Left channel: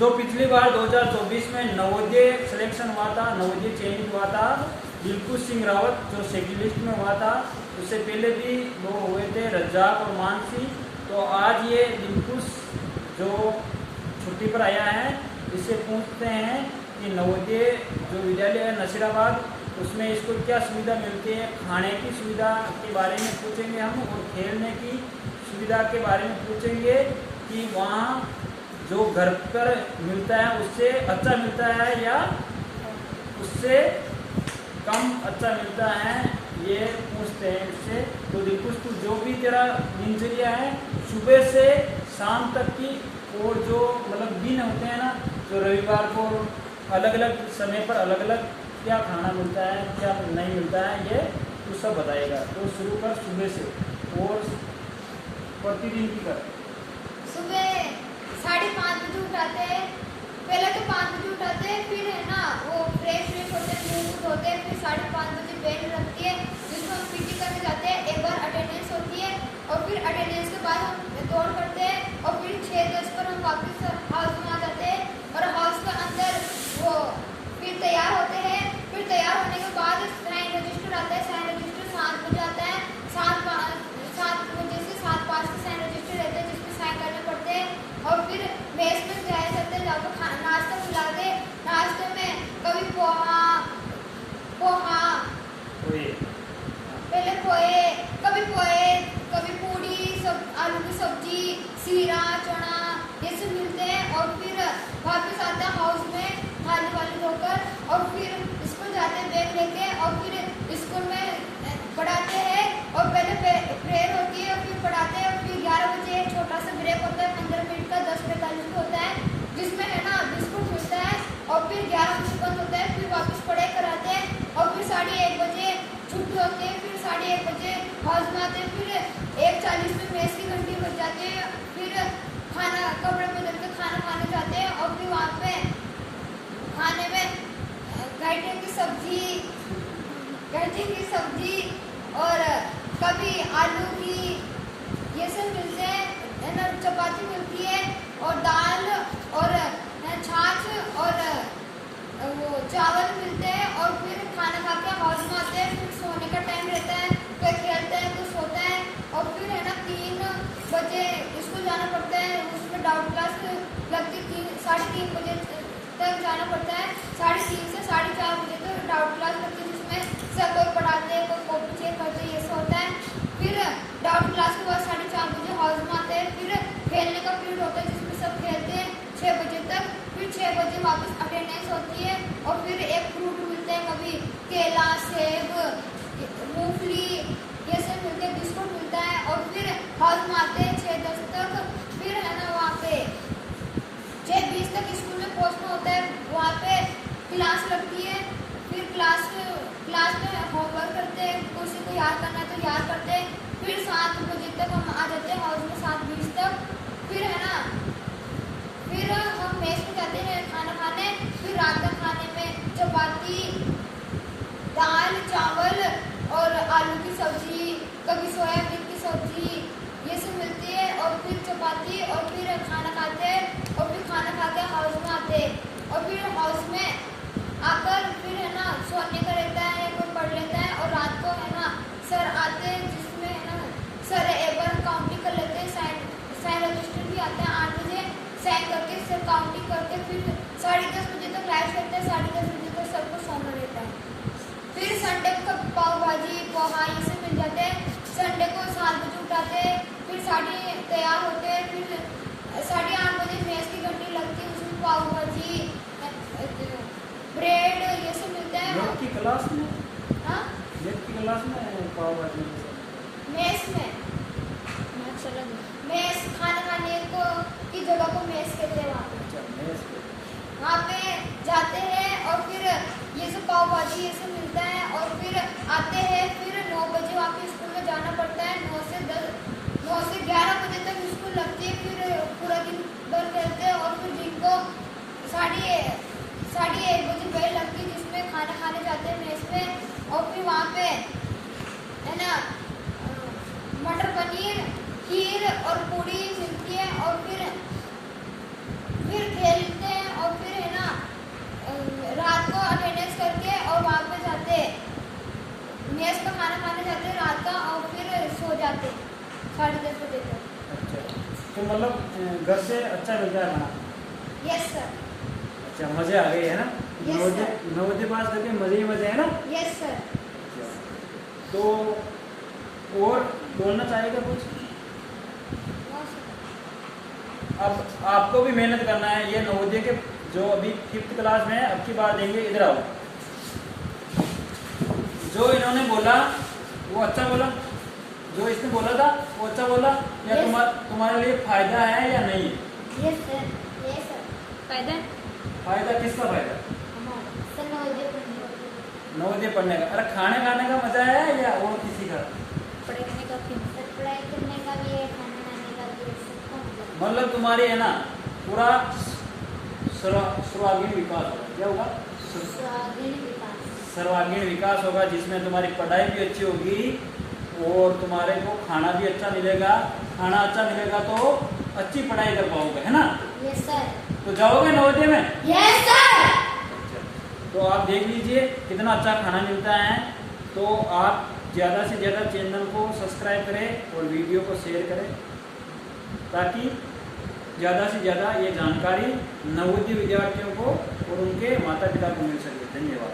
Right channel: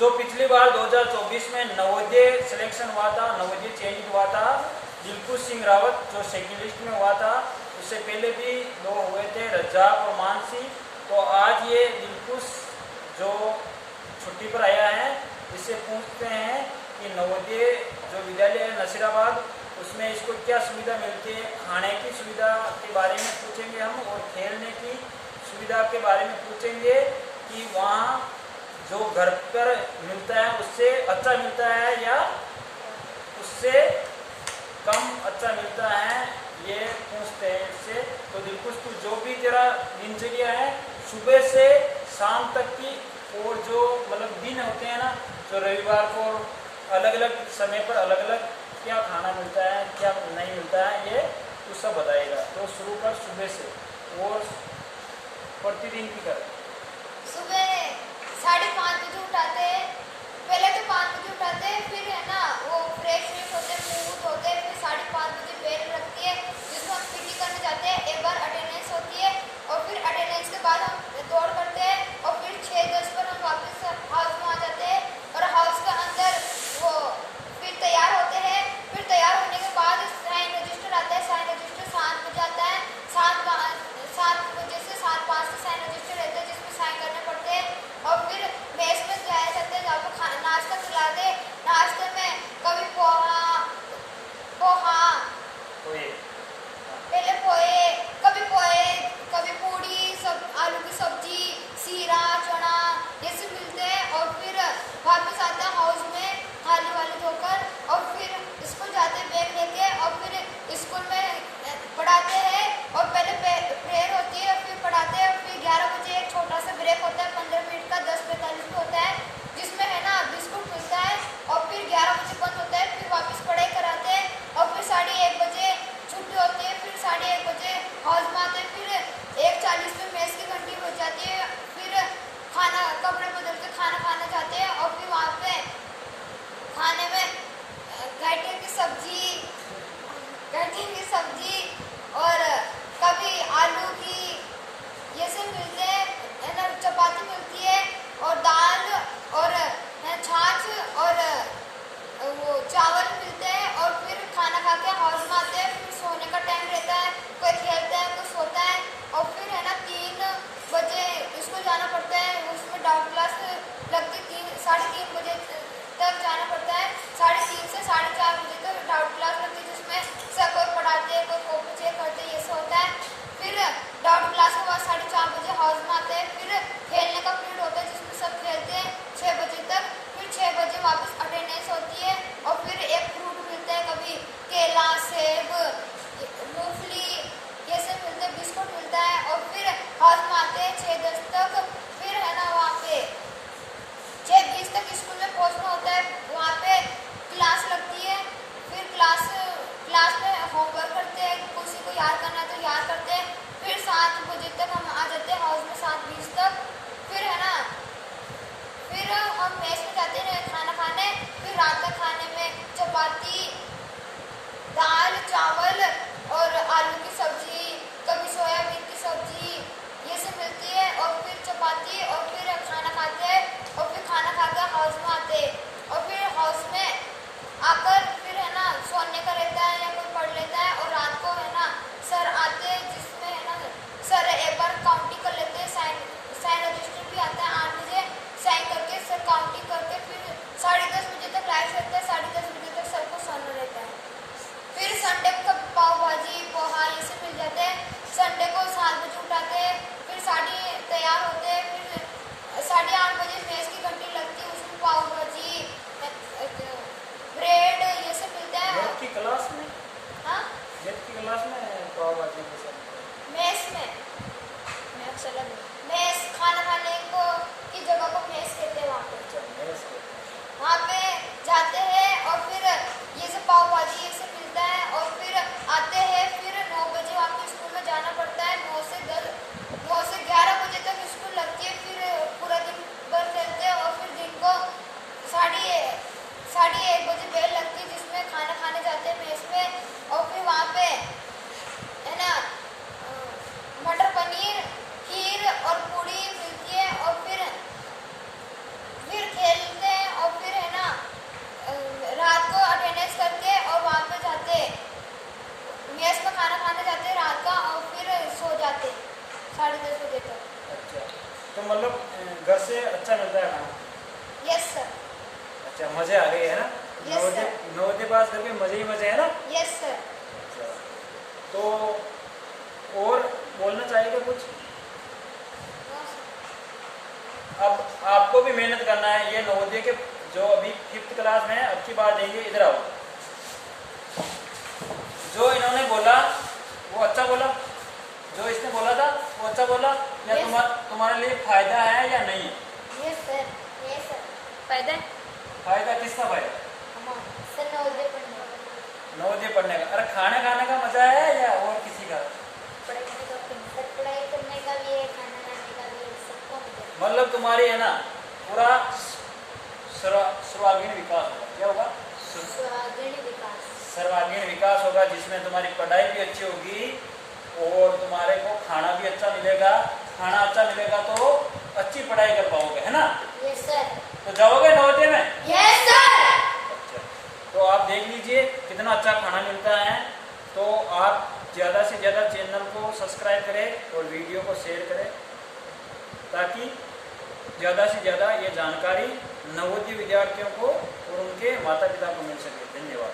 जो पिछली बार 2024 में नवोदय सिलेक्शन हुआ था, नवोदय चयनित हुआ था, दिलखुश सिंह रावत जो सेकंड लिस्ट में हुआ था, उससे पहले भी 2 हुए थे, रज्जाक और मानसी। तो आज ये दिलखुश जो छुट्टी पर आया है, इससे पूछते हैं कि नवोदय जो विद्यालय है नसीराबाद, उसमें इसको क्या सुविधा मिलती है। खाने की सुविधा के बारे में पूछेंगे हम, और खेलने की सुविधा के बारे में पूछेंगे कि वहाँ जो घर पर मिलता है उससे अच्छा मिलता है या उससे कम अच्छा मिलता है, ये पूछते हैं इससे। तो दिलखुश, तू जो भी तेरा दिनचर्या है सुबह से शाम तक की, और जो मतलब दिन होते हैं ना, जो रविवार को अलग अलग समय पर अलग अलग क्या खाना मिलता है क्या नहीं मिलता है, ये तू सब बताएगा। तो शुरू कर सुबह से, और प्रतिदिन की कर। सुबह 5:30 बजे उठाते हैं, पहले तो 5 बजे उठाते हैं, फिर है ना वो फ्रेश होते हैं, मुँह धोते हैं, फिर 5:30 बजे बेल लगती है जिसमें हम पीटी करने जाते हैं। एक बार अटेंडेंस होती है और फिर अटेंडेंस के बाद हम दौड़ करते हैं और फिर 6:10 पर हम वापस हाउस में आ जाते हैं और हाउस के अंदर वो फिर तैयार होते हैं। फिर तैयार होने के बाद साइन रजिस्टर आता है, साइन रजिस्टर 7 बजे आता है, 7 बजे से 7:05 के साइन रजिस्टर रहते हैं जिसमें साइन करने पड़ते हैं। और फिर मेस में जाया जाते हैं, जहाँ पर नाश्ता खिला दे। नाश्ते में कभी पोहा, पहले पोहे, कभी पूड़ी, सब आलू की सब्जी, सीरा, चना, ये सब मिलते हैं। और फिर वापस आते हैं हाउस में थाली वाली धोकर, और फिर स्कूल जाते हैं बैग लेके, और फिर स्कूल में पढ़ाते हैं। और पहले प्रेयर होती है, फिर पढ़ाते हैं। फिर 11 बजे एक छोटा सा ब्रेक होता है 15 मिनट का, 10:45 होता है, जिसमें है ना बिस्कुट मिलता है। और फिर 11 बजे बंद होता है, फिर वापस पढ़ाई कराते हैं। और फिर 1:30 बजे छुट्टी होती है, फिर 1:30 बजे हाउस में आते हैं। फिर 1:40 में मेस की घंटी बज जाती है, फिर खाना कपड़े बदल के खाना खाने जाते हैं। और फिर वहाँ पे खाने में गट्टे की सब्जी और कभी आलू की, ये सब मिलते हैं, है ना, चपाती मिलती है और दाल और छाछ और वो चावल मिलते हैं। और फिर खाना खा के हाउस में आते हैं। फिर सोने का टाइम रहता है, कोई खेलता है कोई सोता है। और फिर है ना 3 बजे स्कूल जाना पड़ता है, उसमें डाउट क्लास लगती 3-3:30 बजे तक जाना पड़ता है। 3:30 से 4:30 बजे तक डाउट क्लास लगती है, जिसमें सर कोई पढ़ाते हैं, कोई कॉपी चेक करते हैं, ये सब होता है। फिर डाउट क्लास के बाद 4:30 बजे हाउस में आते हैं। फिर खेलने का पीरियड होता है जिसमें सब खेलते हैं 6 बजे तक। फिर 6 बजे वापस अटेंडेंस होती है और फिर एक फ्रूट मिलते हैं, कभी केला, सेब, मूंगफली, ये सब मिलते हैं, बिस्कुट मिलता है। और फिर हाउस में आते हैं 6:10 तक। फिर है ना वहाँ पे 6:20 तक स्कूल में पहुँचना होता है, वहाँ पे क्लास लगती है। फिर क्लास में होमवर्क करते हैं, किसी को याद करना है तो याद करते हैं। फिर 7 बजे तक हम आ जाते हैं हाउस में, 7:20 तक। फिर है ना, फिर हम मेस में जाते हैं खाना खाने। फिर रात का खाने में चपाती, दाल, चावल और आलू की सब्जी, कभी सोयाबीन की सब्जी, ये सब मिलती है। और फिर चपाती, और फिर खाना खाते हैं। और फिर खाना खा के हाउस में आते हैं। और फिर हाउस में आकर फिर है ना सोने का रहता है या कोई पढ़ लेता है। और रात को है ना सर आते हैं, जिसमें है ना सर एक बार काउंटिंग कर लेते हैं, साइन रजिस्टर भी आता है 8 बजे, साइन करके सर काउंटिंग करते। फिर 10:30 बजे तक लाइट रहता है, 10:30 बजे तक सबको सोना रहता है। फिर संडे को पाव भाजी, पोहा, ये सब मिल जाते हैं। संडे को 7 बजे उठाते हैं, फिर तैयार होते हैं। फिर 8:30 बजे मेस की घंटी लगती है, उसमें पाव भाजी, ब्रेड, ये सब मिलता है। मैथ की क्लास में, हाँ, मैथ की क्लास में पाव भाजी मेस में मेस खाना खाने को की जगह को मेस कहते हैं। वहाँ पे जाते हैं और फिर ये सब पाव भाजी ये सब मिलता है। और फिर आते हैं, फिर 9 बजे वहाँ पे स्कूल में जाना पड़ता है। 9 से 11 बजे तक स्कूल लगती है। फिर पूरा दिन बंद रहते हैं। और फिर दिन को 1:30 बजे बेल लगती है, जिसमें खाना खाने जाते हैं मेस में। और फिर वहाँ पे है ना घर से अच्छा मिलता है खाना? Yes sir. अच्छा, मजे आ गए है ना? Yes, Navodaya sir. नवोदय पास करके मजे ही मजे है ना? Yes sir. तो और बोलना चाहेगा कुछ? अब आपको भी मेहनत करना है। ये नवोदय के जो अभी 5th क्लास में है, अब की बार देंगे। इधर आओ। जो इन्होंने बोला वो अच्छा बोला, जो इसने बोला था वो अच्छा बोला, या Yes. तुम्हारे लिए फायदा है या नहीं है? Yes sir. Yes sir. फायदा है फायदा किसका फायदा? हमारा सर नवोदय पढ़ने का। नवोदय पढ़ने का। अरे खाने खाने का मजा है या और किसी का? पढ़ने का सर, पढ़ाई करने का भी है, खाना खाने का भी है, सबका मतलब। मतलब तुम्हारी है ना पूरा सर्वांगीण विकास होगा। क्या होगा? सर्वांगीण विकास। सर्वांगीण विकास होगा, जिसमें तुम्हारी पढ़ाई भी अच्छी होगी और तुम्हारे को खाना भी अच्छा मिलेगा। खाना अच्छा मिलेगा तो अच्छी पढ़ाई कर पाओगे, है ना? Yes sir. तो जाओगे नवोदय में? Yes sir. अच्छा, तो आप देख लीजिए कितना अच्छा खाना मिलता है। तो आप ज़्यादा से ज़्यादा चैनल को सब्सक्राइब करें और वीडियो को शेयर करें, ताकि ज़्यादा से ज़्यादा ये जानकारी नवोदय विद्यार्थियों को और उनके माता पिता को मिल सके। धन्यवाद।